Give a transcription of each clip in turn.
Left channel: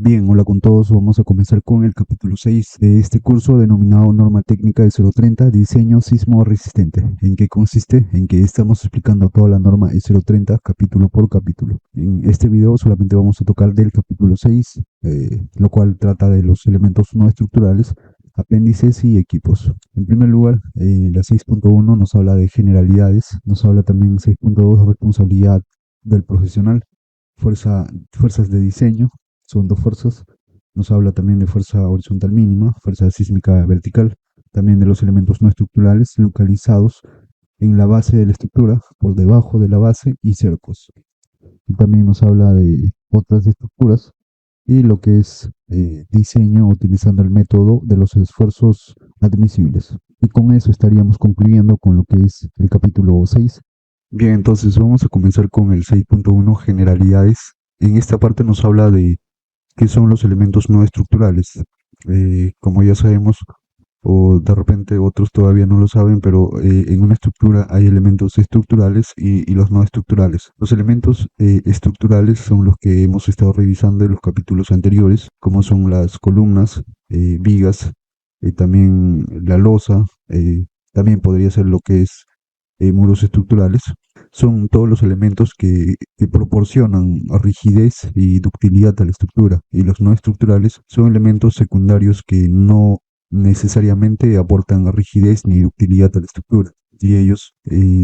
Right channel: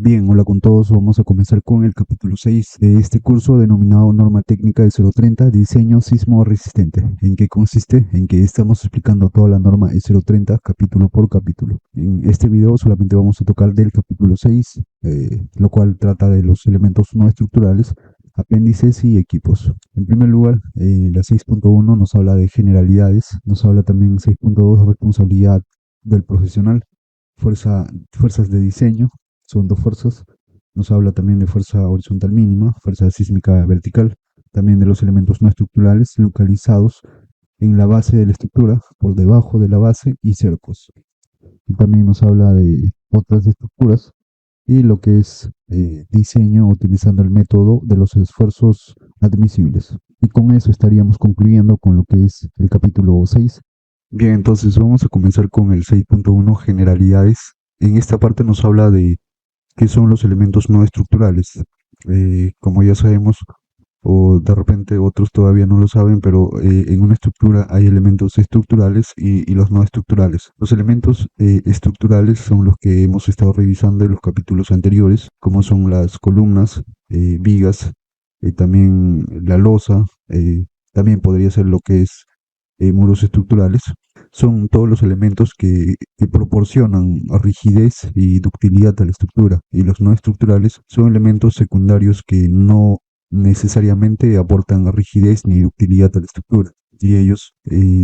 Bien, hola con todos. Vamos a comenzar con el capítulo 6 de este curso denominado Norma Técnica de 030, Diseño Sismo Resistente. ¿En qué consiste? En que estamos explicando toda la norma E 030 capítulo por capítulo. En este video solamente vamos a tocar del capítulo 6, lo cual trata de los elementos no estructurales, apéndices y equipos. En primer lugar, la 6.1 nos habla de generalidades, nos habla también 6.2 de responsabilidad del profesional, fuerzas de diseño, son dos fuerzas. Nos habla también de fuerza horizontal mínima, fuerza sísmica vertical, también de los elementos no estructurales localizados en la base de la estructura, por debajo de la base y cercos. Y también nos habla de otras estructuras y lo que es diseño utilizando el método de los esfuerzos admisibles. Y con eso estaríamos concluyendo con lo que es el capítulo 6. Bien, entonces vamos a comenzar con el 6.1 generalidades. En esta parte nos habla de qué son los elementos no estructurales. Como ya sabemos, o de repente otros todavía no lo saben, pero en una estructura hay elementos estructurales y los no estructurales. Los elementos estructurales son los que hemos estado revisando en los capítulos anteriores, como son las columnas, vigas, también la losa, también podría ser lo que es muros estructurales. Son todos los elementos que proporcionan rigidez y ductilidad a la estructura, y los no estructurales son elementos secundarios que no necesariamente aportan rigidez ni ductilidad a la estructura. Y ellos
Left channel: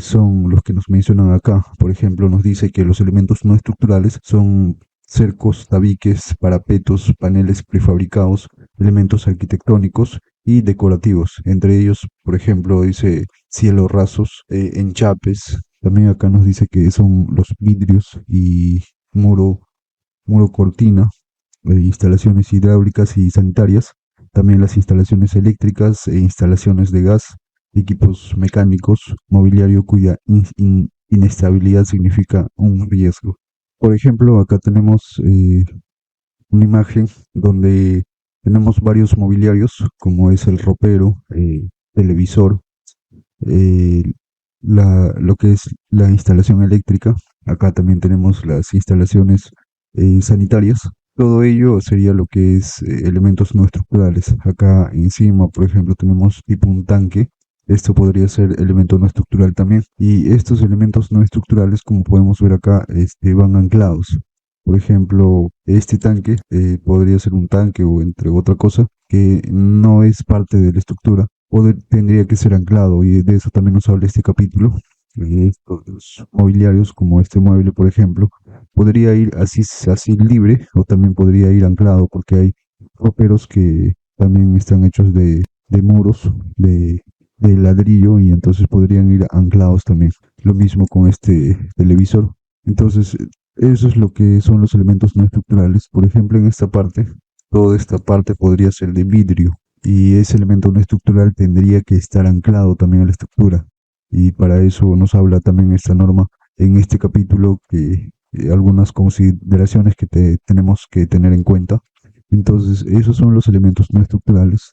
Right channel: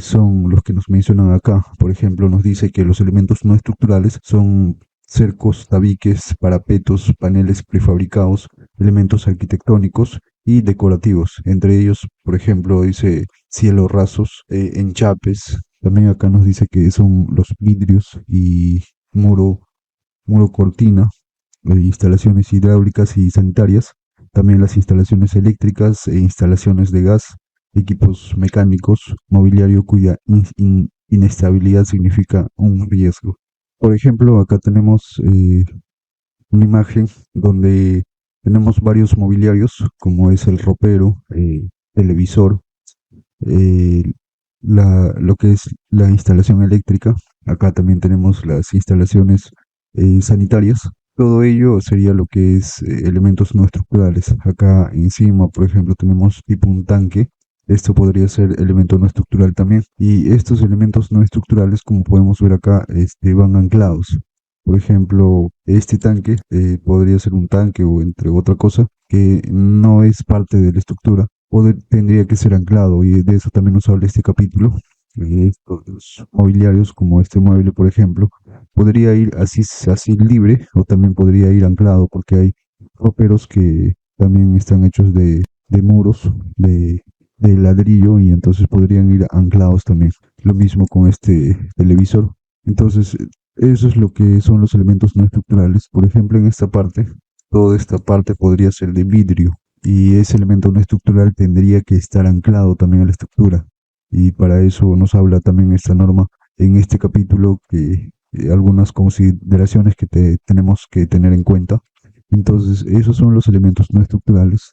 son los que nos mencionan acá. Por ejemplo, nos dice que los elementos no estructurales son cercos, tabiques, parapetos, paneles prefabricados, elementos arquitectónicos y decorativos. Entre ellos, por ejemplo, dice cielos rasos, enchapes. También acá nos dice que son los vidrios y muro, muro cortina, instalaciones hidráulicas y sanitarias, también las instalaciones eléctricas e instalaciones de gas, equipos mecánicos, mobiliario cuya inestabilidad significa un riesgo. Por ejemplo, acá tenemos una imagen donde tenemos varios mobiliarios, como es el ropero, televisor, eh, lo que es la instalación eléctrica. Acá también tenemos las instalaciones sanitarias. Todo ello sería lo que es elementos no estructurales. Acá encima, por ejemplo, tenemos tipo un tanque. Esto podría ser elemento no estructural también. Y estos elementos no estructurales, como podemos ver acá, van anclados. Por ejemplo, este tanque podría ser un tanque o entre otra cosa que no es parte de la estructura. Tendría que ser anclado, y de eso también nos habla este capítulo. Estos mobiliarios, como este mueble, por ejemplo, podría ir así libre, o también podría ir anclado, porque hay roperos que también están hechos de muros, de ladrillo, y entonces podrían ir anclados también. Lo mismo con este televisor. Entonces, eso es lo que son los elementos no estructurales. Por ejemplo, en esta parte, toda esta parte podría ser de vidrio, y ese elemento no estructural tendría que estar anclado también a la estructura. Y para eso nos habla también esta norma en este capítulo, que algunas consideraciones que tenemos que tener en cuenta. Entonces, esos son los elementos no estructurales.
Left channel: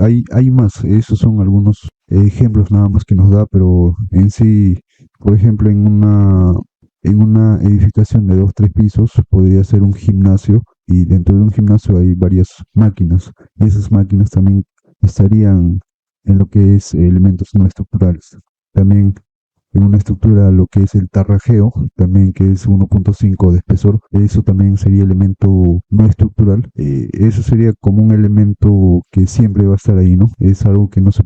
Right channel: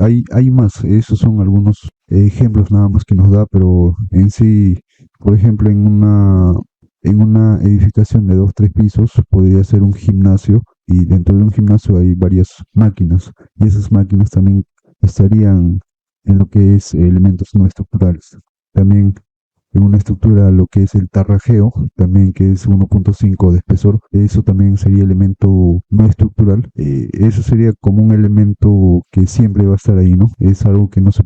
Hay más, esos son algunos ejemplos nada más que nos da, pero en sí, por ejemplo, en una edificación de 2 o 3 pisos podría ser un gimnasio, y dentro de un gimnasio hay varias máquinas. Esas máquinas también estarían en lo que es elementos no estructurales. También en una estructura lo que es el tarrajeo, también que es 1.5 de espesor, eso también sería elemento no estructural. Eso sería como un elemento que siempre va a estar ahí, ¿no? Es algo que no se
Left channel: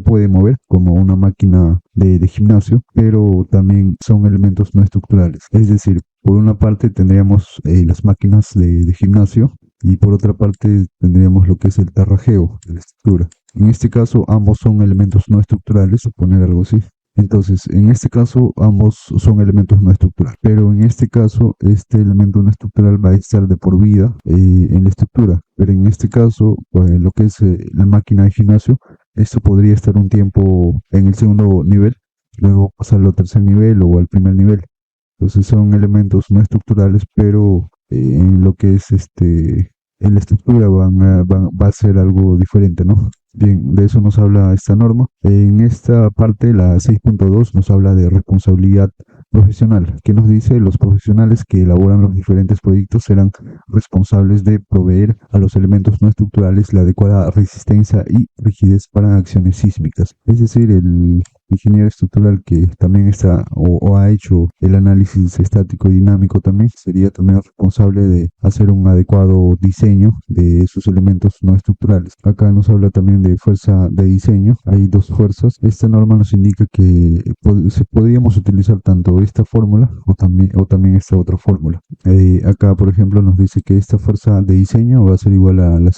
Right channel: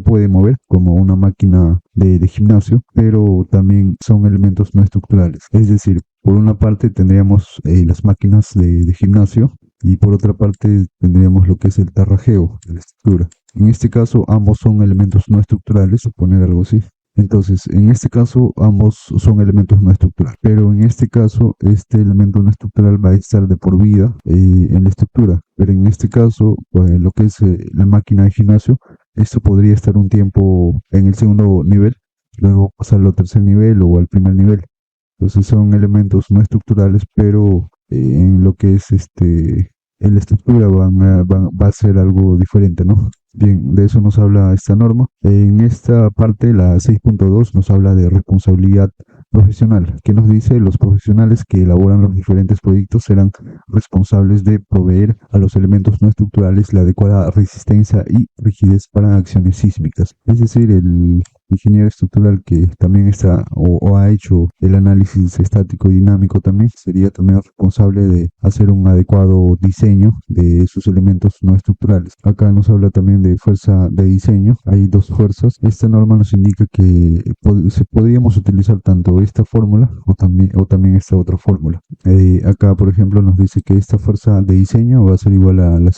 puede mover, como una máquina de gimnasio, pero también son elementos no estructurales. Es decir, por una parte tendríamos las máquinas de gimnasio, y por otra parte tendríamos lo que es el tarrajeo de la estructura. En este caso, ambos son elementos no estructurales, poner algo así. Entonces, en este caso, ambos son elementos no estructurales, pero en este caso, este elemento no estructural va a estar de por vida en la estructura. Pero en este caso, pues, lo que es la máquina de gimnasio, esto podría estar un tiempo en el segundo nivel, luego pasarlo al tercer nivel o al primer nivel. Entonces son elementos no estructurales, pero en lo que es en la estructura va a ser algo diferente, ¿no? Bien, de eso nos habla esta norma. En esta parte, la 6.2, nos habla de responsabilidad Profesional, que nos dice los profesionales que elaboran los diferentes proyectos serán responsables de proveer a los elementos no estructurales la adecuada resistencia y rigidez para acciones sísmicas. Es decir, el ingeniero estructural que también está o ha hecho el análisis estático y dinámico también sería también responsable de hacer un adecuado diseño de esos elementos no estructurales. Acá nos habla también de fuerza de diseño. Hay dos fuerzas. Esta norma nos indica que podríamos utilizar tanto esta fórmula o también esta otra fórmula. Acá, por ejemplo, nos dice que esta fuerza de diseño va a ser igual a la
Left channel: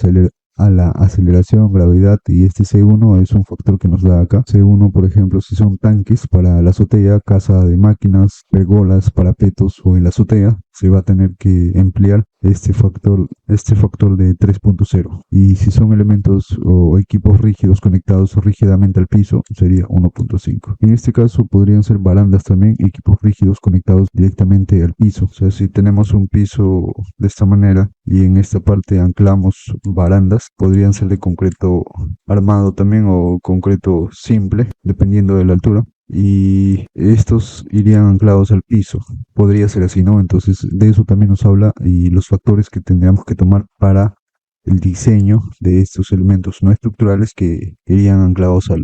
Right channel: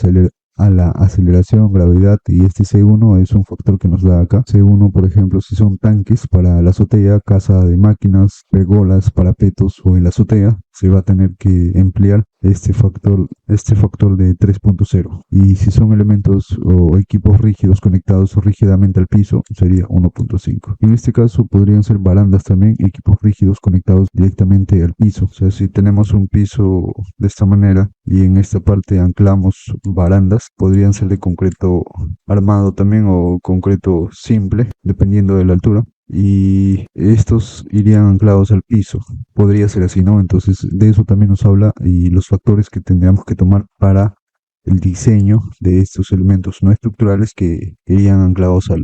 aceleración, gravedad, y este C1 es un factor que nos da acá. C1, por ejemplo, si son tanques para la azotea, casa de máquinas, pergolas, parapetos o en la azotea, se va a tener que emplear este factor de 3.0. Y si son elementos o equipos rígidos conectados rígidamente al piso, sería 1.5. En este caso podrían ser barandas también, equipos rígidos conectados directamente al piso. O sea, si tenemos un piso de esta manera y en esta parte anclamos barandas, podrían ser de concreto armado también o concreto simple, dependiendo de la altura. Y estos irían anclados al piso. Podría ser así, ¿no? Entonces, de eso también nos habla y los factores que tendríamos que tomar para el diseño de estos elementos no estructurales que irían anclados a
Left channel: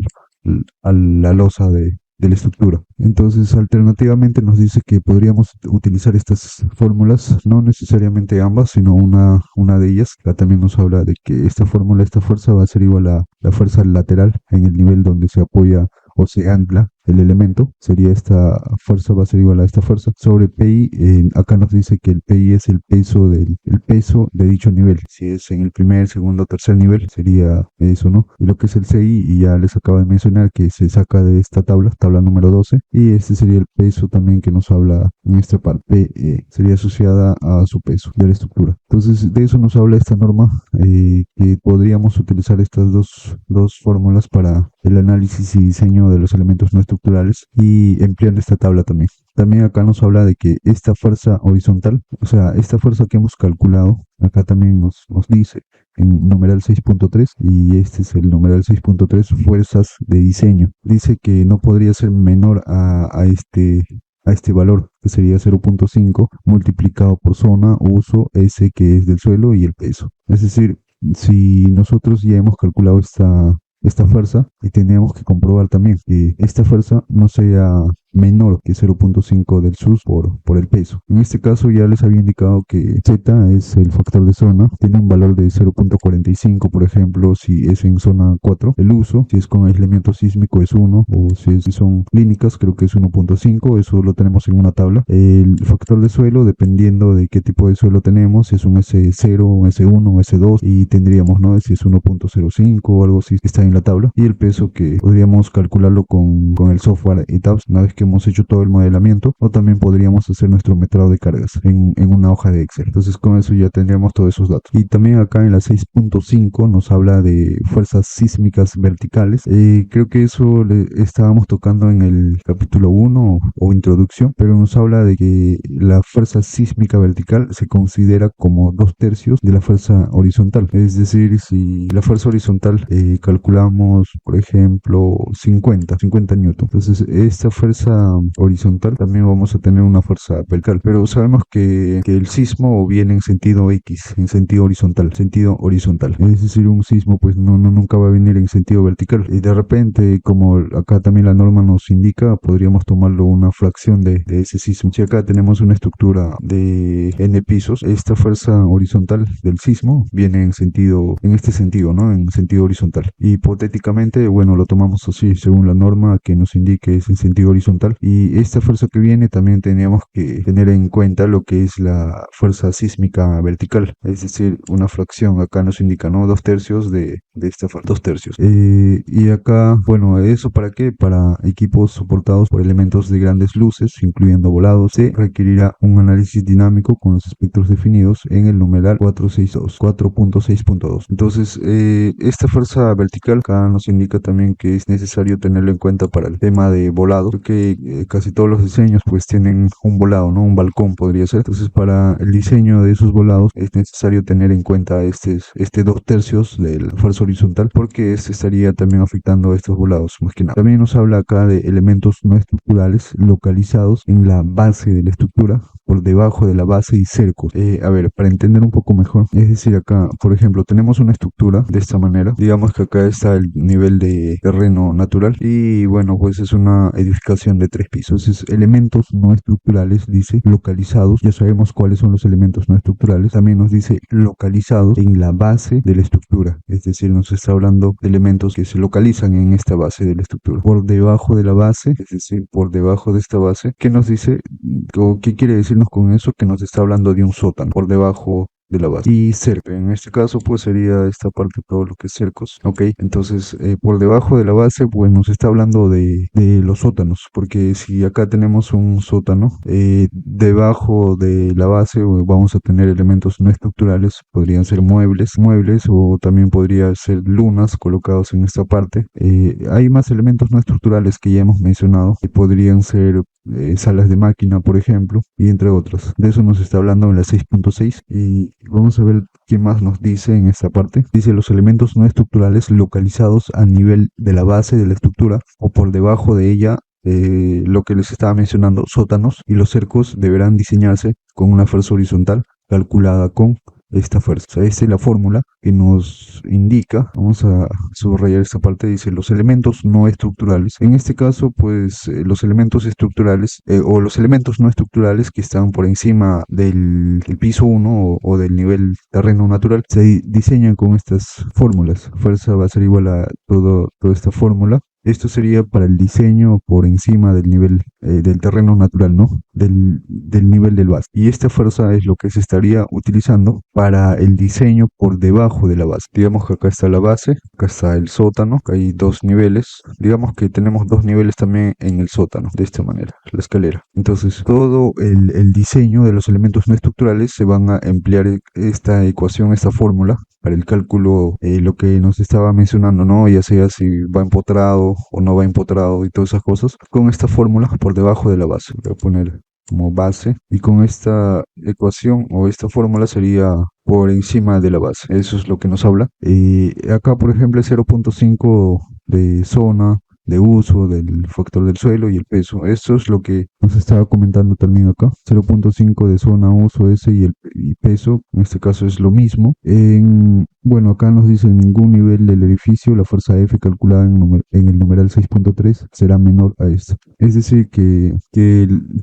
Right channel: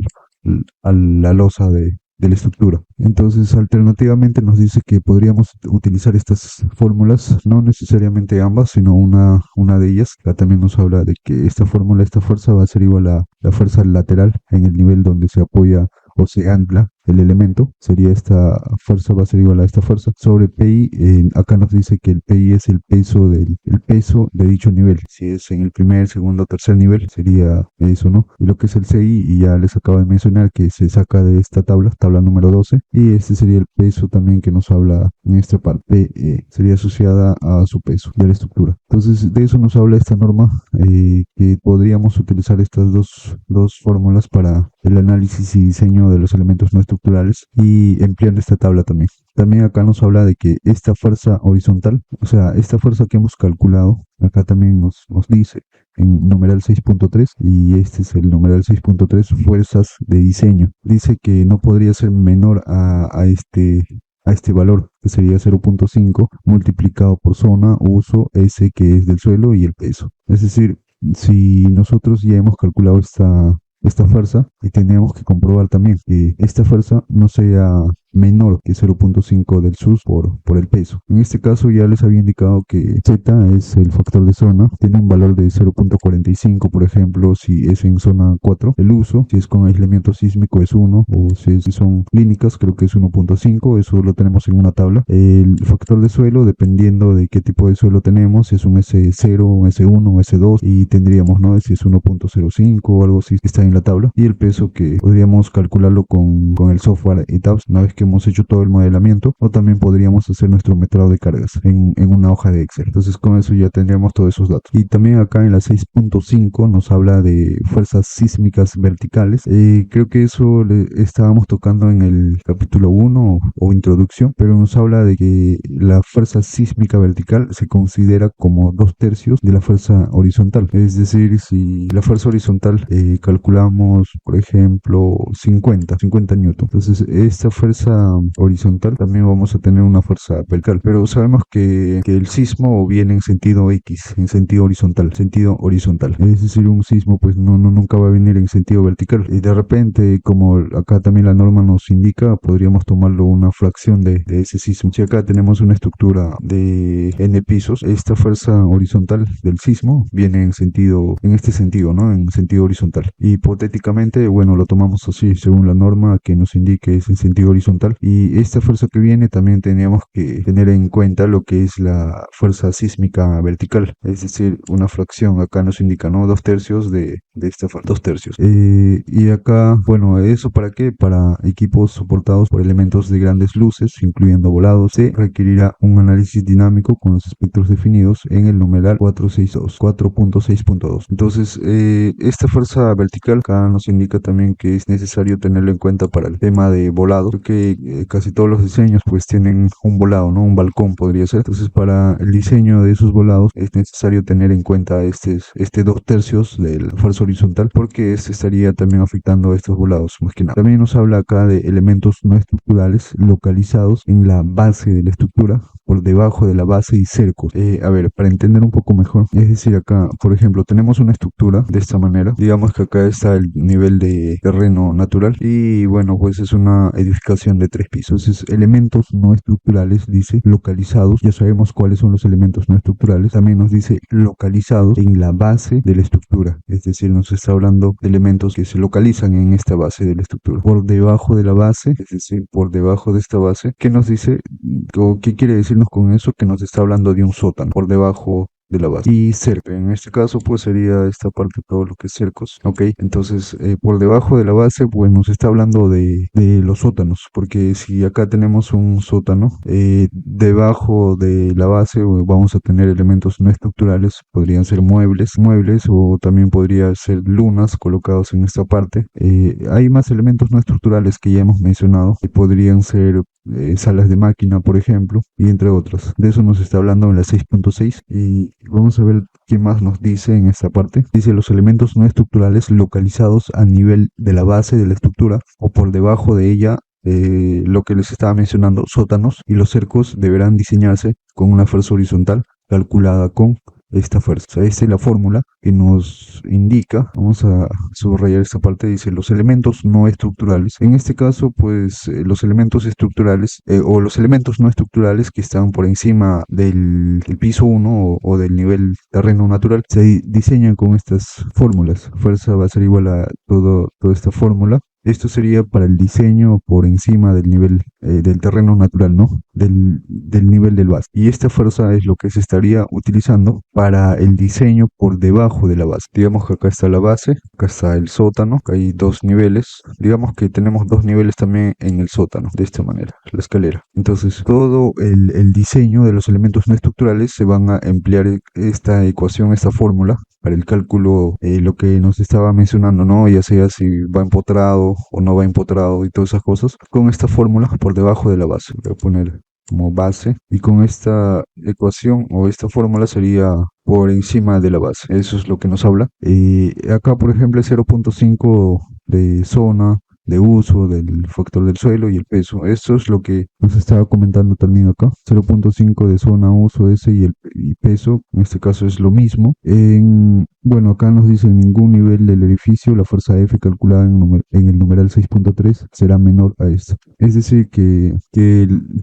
la losa de la estructura. Entonces, alternativamente nos dice que podríamos utilizar estas fórmulas, no necesariamente ambas, sino una de ellas. Acá también nos habla de que esta fórmula, esta fuerza va a ser igual a la fuerza lateral en el nivel donde se apoya o se ancla el elemento. Sería esta fuerza va a ser igual a esta fuerza sobre PI. Acá nos dice que el PI es el peso de dicho nivel. Si es en el primer, segundo, tercer nivel, sería eso, ¿no? Y lo que es el CI, y ya les acabo de mencionar que se saca de esta tabla número 12. Y este sería el peso también que nos habla en esta parte. PI sería asociada a su peso de la estructura. Entonces, de eso nos habla esta norma, que podríamos utilizar estas dos fórmulas para el análisis y diseño de los elementos no estructurales y empleando esta tabla también. También acá nos habla de que esta fuerza horizontal, o sea, esta fuerza que hemos calculado, acá también nos dice en numeral 6.3, y este es el numeral 6.3, fuerzas de diseño. Dice que no podría ser menor a este valor, que sería 0.5 multiplicado por zona, uso, S, que es del suelo, y el peso. Es decir, si nosotros ya hemos calculado esta fuerza, y tenemos que comprobar también que esta fuerza no sea menor que 0.5 del SUS por el peso. En este caso ya les había indicado que Z es el factor de zona, tiene un valor de 0.45, por ejemplo, si es en zona 4. El uso, si es con aislamiento sísmico, es 1, o si son clínicas, creo que es 1.5, eso lo tenemos en una tabla. El factor de suelo, dependiendo de qué tipo de suelo tenemos, es un S0, un S1, un S2, y tendríamos, ¿no? Si es 1.05 o algo así, está en la tabla. Y el peso, que podríamos calcularlo con el software ETABS una vez que hemos hecho todo el modelamiento, o también podríamos hacer nuestro metrado de cargas en una hoja de Excel. Entonces con eso ya tendríamos todos esos datos. Y también acá en la 6.5 nos habla de fuerzas sísmicas verticales. Creo que eso le estábamos tocando en el capítulo 1 o introducción, pero nos habla de que la fuerza sísmica vertical se considera como 2/3 de la fuerza horizontal. Es decir, si la fuerza horizontal calculamos, por ejemplo, 50 newton. Entonces, esta fuerza horizontal también vamos a tener una fuerza vertical. Pero sabemos que el sismo viene en sentido X, en sentido horizontal, Es decir, un sismo pues nunca va a venir en sentido vertical. Y de repente, como acá también la norma nos indica, podríamos tomarlo una fracción de ese sismo. Si acá tenemos una estructura de n pisos, esta fuerza horizontal del sismo viene en este sentido, ¿no? En sentido horizontal. Hipotéticamente, bueno, lo tomamos así, según la norma que nos indica es el sentido horizontal. Y esta fuerza que viene también teníamos que tener en cuenta lo que es la fuerza sísmica vertical, es decir, una fracción, acá nos indica, ¿no? 2/3 de esta fuerza, 2/3. Y acá, bueno, ¿eso para qué? Para equipos soportados por elementos de grandes luces, incluyendo volados, se requerirá un análisis dinámico con los espectros definidos en el numeral 4.6.2. Entonces, esta fuerza vertical acá nos indica también que es necesario tenerlo en cuenta para el tema de volado, que casi todos los diseños pues tienen un volado, ¿no? Un balcón podría ser. Entonces, para el diseño de esos volados es necesario tener en cuenta este 2/3 de la fuerza horizontal, porque este estaría también afectando a estos volados, más que nada. También nos habla acá de elementos no estructurales localizados en la base de la estructura, por debajo de la base y cercos. A ver, para entender un poco mejor, es decir, acá, por ejemplo, tenemos una estructura de esta manera. Digamos que acá está el nivel de terreno natural y bueno, pues es una edificación de 3 pisos. Es elementos no estructurales, dice, localizados. Ya sabemos cuáles son los elementos no estructurales. También nos dice localizados en la base de la estructura. Es decir, nos está hablando de elementos que se localizan en esta base de la estructura. Por debajo de la base, es decir, por debajo de esta base. ¿Qué nos dice? ¿O qué quiere decirnos con eso? Que nos está hablando de un sótano por debajo de la base. Y cerco, en este caso pues sería esta parte todo lo que es cercos, ok. Entonces por debajo de la base pues nos está hablando de los sótanos, porque si acá tenemos un sótano, debajo de la base vamos a tener elementos no estructurales, podrían ser muebles o también podría ser lunas colocados en esta parte. Hay más elementos no estructurales que ya hemos mencionado y podrían ser salas de máquina, por ejemplo, y entre otros. De eso nos está hablando en la 6.6 y vamos a ver qué más nos dice en esta parte. Dice los elementos no estructurales localizados a nivel de la base de la estructura o por debajo de ella. Lo que les estaba mencionando, sótanos y los cercos deberán diseñarse con una fuerza horizontal calculada con esta fuerza. O sea, esta es la fórmula que nos indica. Vamos a subrayar esta parte. Dice los elementos no estructurales. En este caso, pues los elementos estructurales o los elementos no estructurales que están por encima del piso 1 o del nivel terreno natural se diseñan con estas fórmulas. Fuerza va a ser igual a toda esta fórmula. Esto sería para el diseño por encima del nivel del terreno natural, ¿no? Del nivel del base. Y esta fuerza es lo que se estaría utilizando para el diseño por debajo de la base. Digamos que acá está la base, acá está el sótano, acá hay 2 niveles. Digamos que tenemos 2 niveles también en el sótano, de esta manera, la escalera. Entonces, todo el diseño de los elementos no estructurales se van a emplear esta ecuación, esta fórmula, para el cálculo, lo que nos estaba mencionando, ¿no? Ya sea si va empotrado o no va empotrado y todas esas cosas. Con esta fórmula por debajo de la base. Voy a poner como base. Y con esta ecuación o esta fórmula sería por encima de la base. Eso es lo que nos habla. Acá, por ejemplo, es 0.5 de zona de uso, del factor del suelo y el peso. Esto es lo que nos estaba comentando también acá. 0.5 de zona, uso, S y peso. En este caso es lo mismo. Bueno, acá nos dice en ningún nivel del edificio la fuerza F calculada en el numeral 6.3 será menor a esta. Es decir, que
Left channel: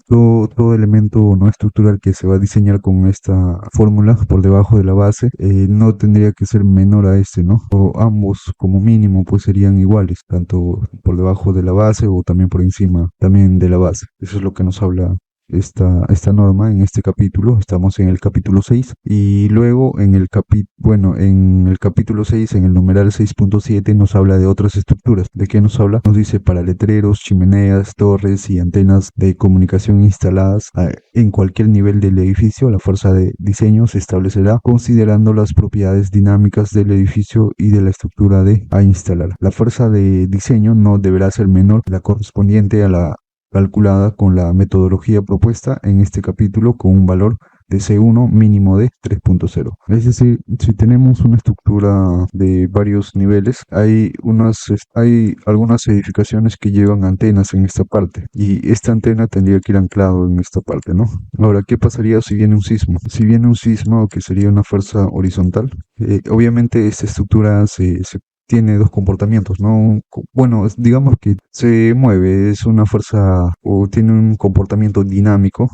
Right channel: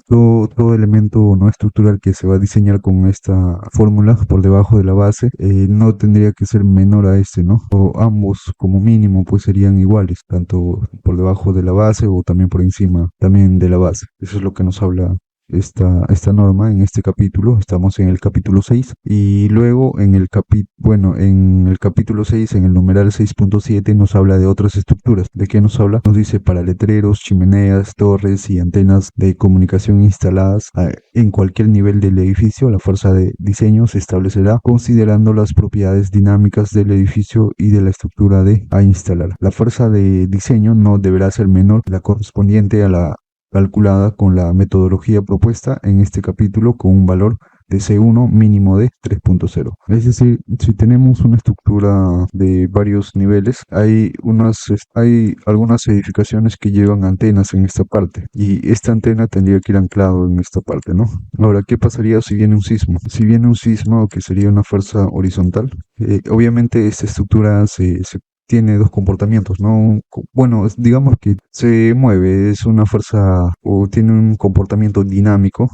todo elemento no estructural que se va a diseñar con esta fórmula por debajo de la base no tendría que ser menor a este, ¿no? O ambos como mínimo pues serían iguales, tanto por debajo de la base o también por encima también de la base. Eso es lo que nos habla esta norma en este capítulo. Estamos en el capítulo 6 y luego en el capítulo 6, en el numeral 6.7 nos habla de otras estructuras. ¿De qué nos habla? Nos dice para letreros, chimeneas, torres y antenas de comunicación instaladas en cualquier nivel del edificio. La fuerza de diseño se establecerá considerando las propiedades dinámicas del edificio y de la estructura a instalar. La fuerza de diseño no deberá ser menor que la correspondiente a la calculada con la metodología propuesta en este capítulo con un valor de C1 mínimo de 3.0. Es decir, si tenemos una estructura de varios niveles, hay algunas edificaciones que llevan antenas en esta parte y esta antena tendría que ir anclado en esta parte, ¿no? Ahora, ¿qué pasaría si viene un sismo? Si viene un sismo, que sería una fuerza horizontal, obviamente esta estructura se tiene dos comportamientos, ¿no? Bueno, digamos que se mueve, es una fuerza o tiene un comportamiento dinámico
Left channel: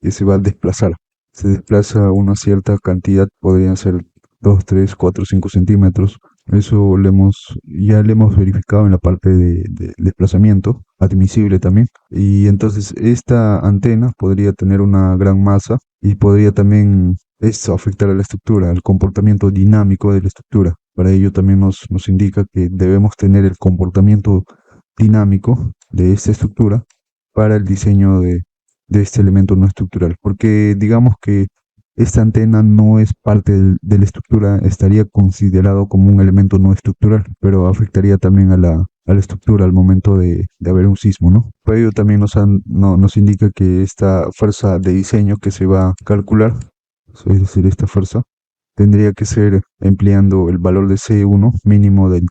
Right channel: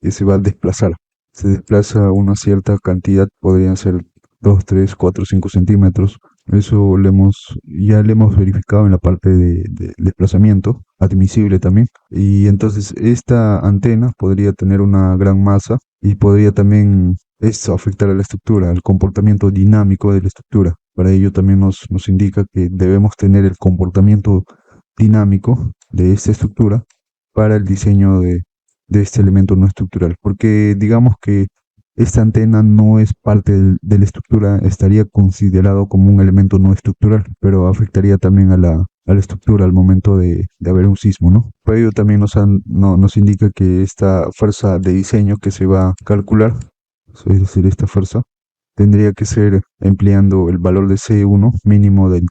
que se va a desplazar. Se desplaza una cierta cantidad, podrían ser 2, 3, 4, 5 centímetros. Eso ya lo hemos verificado en la parte de desplazamiento, admisible también. Y entonces esta antena podría tener una gran masa y podría también esto afectar a la estructura, el comportamiento dinámico de la estructura. Para ello también nos indica que debemos tener el comportamiento dinámico de esta estructura para el diseño de este elemento no estructural, porque digamos que esta antena no es parte de la estructura, estaría considerado como un elemento no estructural, pero afectaría también a la estructura al momento de haber un sismo, ¿no? Por ello también nos indica que esta fuerza de diseño que se va a calcular, es decir, esta fuerza, tendría que ser empleando el valor de C1 mínimo de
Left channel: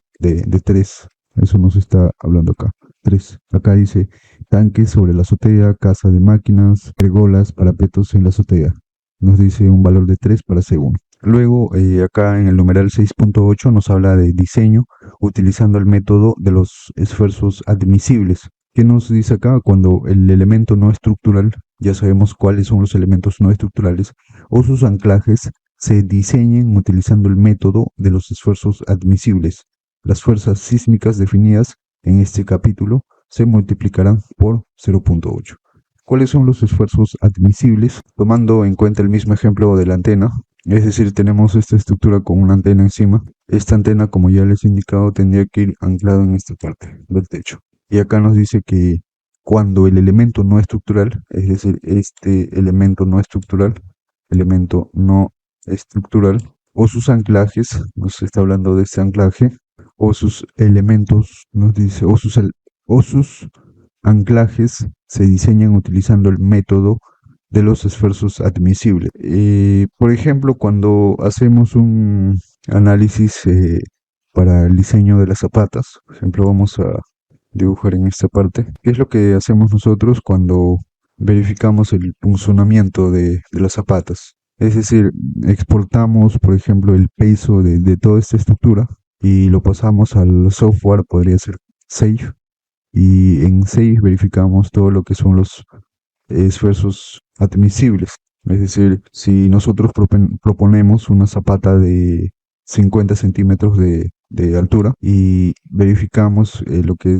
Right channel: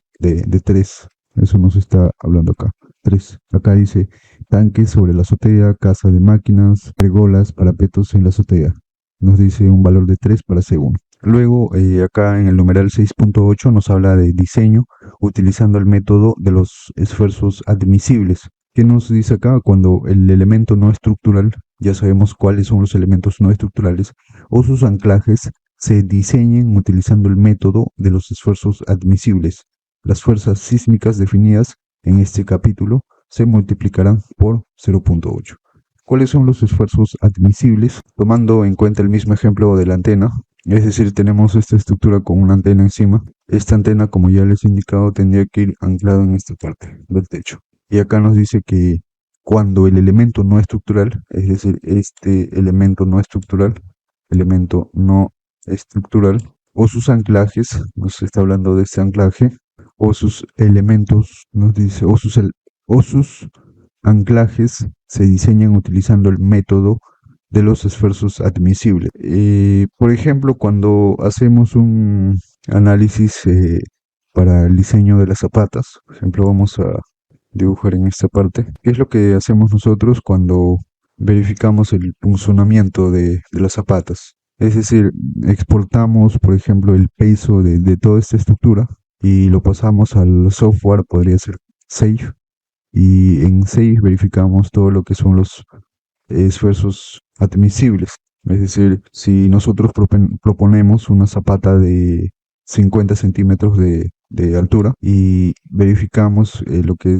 3. Eso nos está hablando acá. 3. Acá dice tanques sobre la azotea, casa de máquinas, pergolas, parapetos en la azotea. Nos dice un valor de 3 para C1. Luego, acá en el numeral 6.8 nos habla de diseño utilizando el método de los esfuerzos admisibles. ¿Qué nos dice acá? Cuando el elemento no estructural, ya sabemos cuáles son los elementos no estructurales, o sus anclajes se diseñen utilizando el método de los esfuerzos admisibles. Las fuerzas sísmicas definidas en este capítulo se multiplicarán por 0.8. ¿Cuáles son los esfuerzos admisibles? Tomando en cuenta el mismo ejemplo de la antena, es decir, tenemos esta estructura con una antena encima. Esta antena, como ya les he indicado, tendría que ir anclada en esta parte, en el techo. Y acá nos dice que cuando el elemento no estructural, es decir, este elemento no estructural, o sus anclajes, nos está hablando de este anclaje, o sus elementos, nos dice, o sus anclajes se diseñan utilizando el método de los esfuerzos admisibles. Por ejemplo, cuando hacemos un análisis para el diseño de las zapatas, por ejemplo, vamos a dibujar en esta parte, ¿qué es lo que hacemos nosotros cuando verificamos el funcionamiento de las zapatas? Es decir, exportamos, por ejemplo, el peso de toda esta estructura y lo pasamos al software, podría ser Safe, y en Safe verificamos todo lo que son los esfuerzos admisibles. Es decir, si nosotros proponemos una zapata de 50 centímetros de altura y verificamos lo que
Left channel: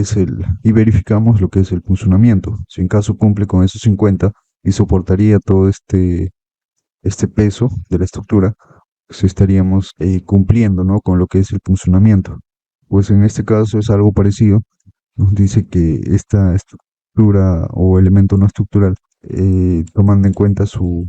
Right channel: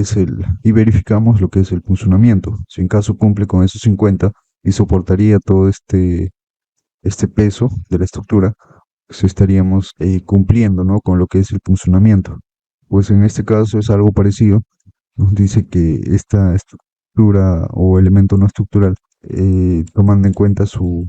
es y verificamos lo que es el funcionamiento. Si en caso cumple con esos 50 y soportaría todo este peso de la estructura, pues estaríamos cumpliendo, ¿no?, con lo que es el funcionamiento. Pues en este caso es algo parecido. Nos dice que esta estructura o elemento no estructural, tomando en cuenta su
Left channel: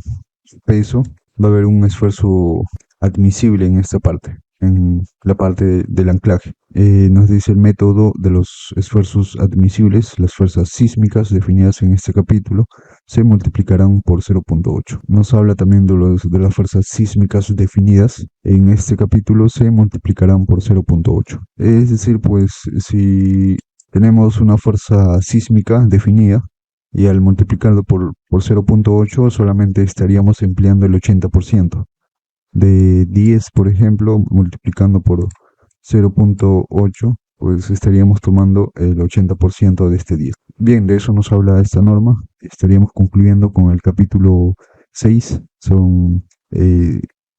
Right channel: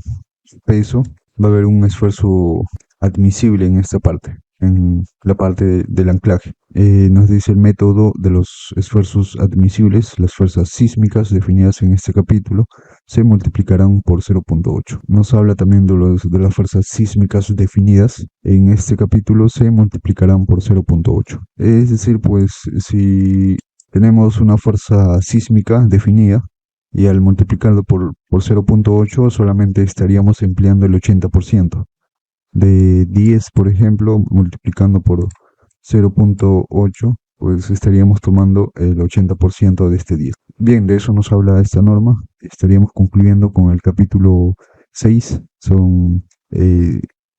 peso, va a haber un esfuerzo admisible en esta parte, en la parte del anclaje. Nos dice el método de los esfuerzos admisibles, las fuerzas sísmicas definidas en este capítulo se multiplicarán por 0.8. Nos habla también de las fuerzas sísmicas definidas en este capítulo se multiplicarán por 0.8. Es decir, pues si tenemos una fuerza sísmica definida y al multiplicarlo por 0.8 solamente estaríamos empleando el 80%. De 10, por ejemplo, multiplicando por 0.8, pues estaríamos tomando el 80% de este 10. Bien, de eso nos habla esta norma. Estaríamos concluyendo con el capítulo 6. Son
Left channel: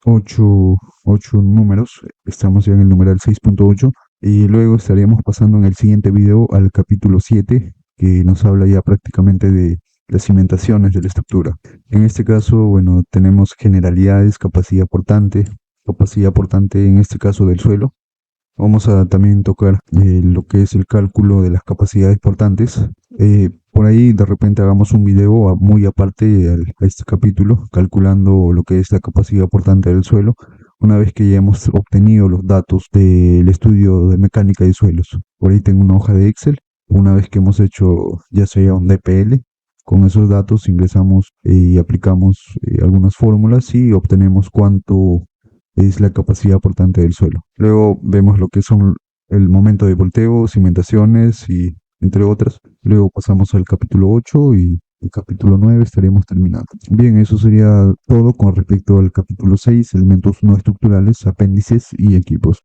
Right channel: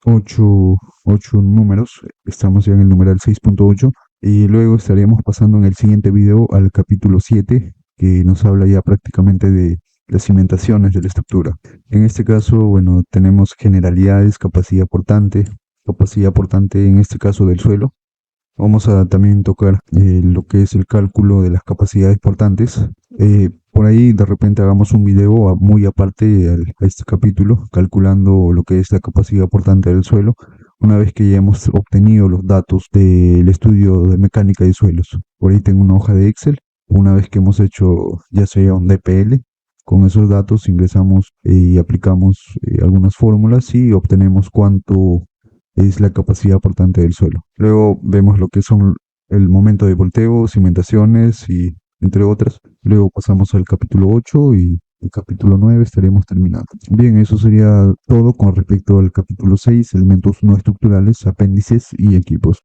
8 números. Estamos ya en el numeral 6.8. Y luego estaríamos pasando en el siguiente video al capítulo 7, que nos habla ya prácticamente de las cimentaciones de la estructura. En este caso, bueno, tenemos generalidades, capacidad portante en este caso del suelo. Vamos a también tocar lo que es el cálculo de las capacidades portantes. Por ahí de repente hagamos un video muy aparte a este capítulo, calculando lo que es la capacidad portante del suelo, una vez que ya hemos obtenido los datos del estudio de mecánica de suelos. Por ahí tengo una hoja de Excel. Una vez que hemos hecho ya sea un DPL, con esos datos ingresamos y aplicamos algunas fórmulas y obtenemos cuánto es la capacidad portante del suelo. Luego vemos lo que son el momento de volteo, cimentaciones y entre otras. Luego pasamos al capítulo 8 y el capítulo 9 estaríamos terminando. Bien, eso sería todo con respecto al capítulo 6, elementos no estructurales, apéndices y equipos.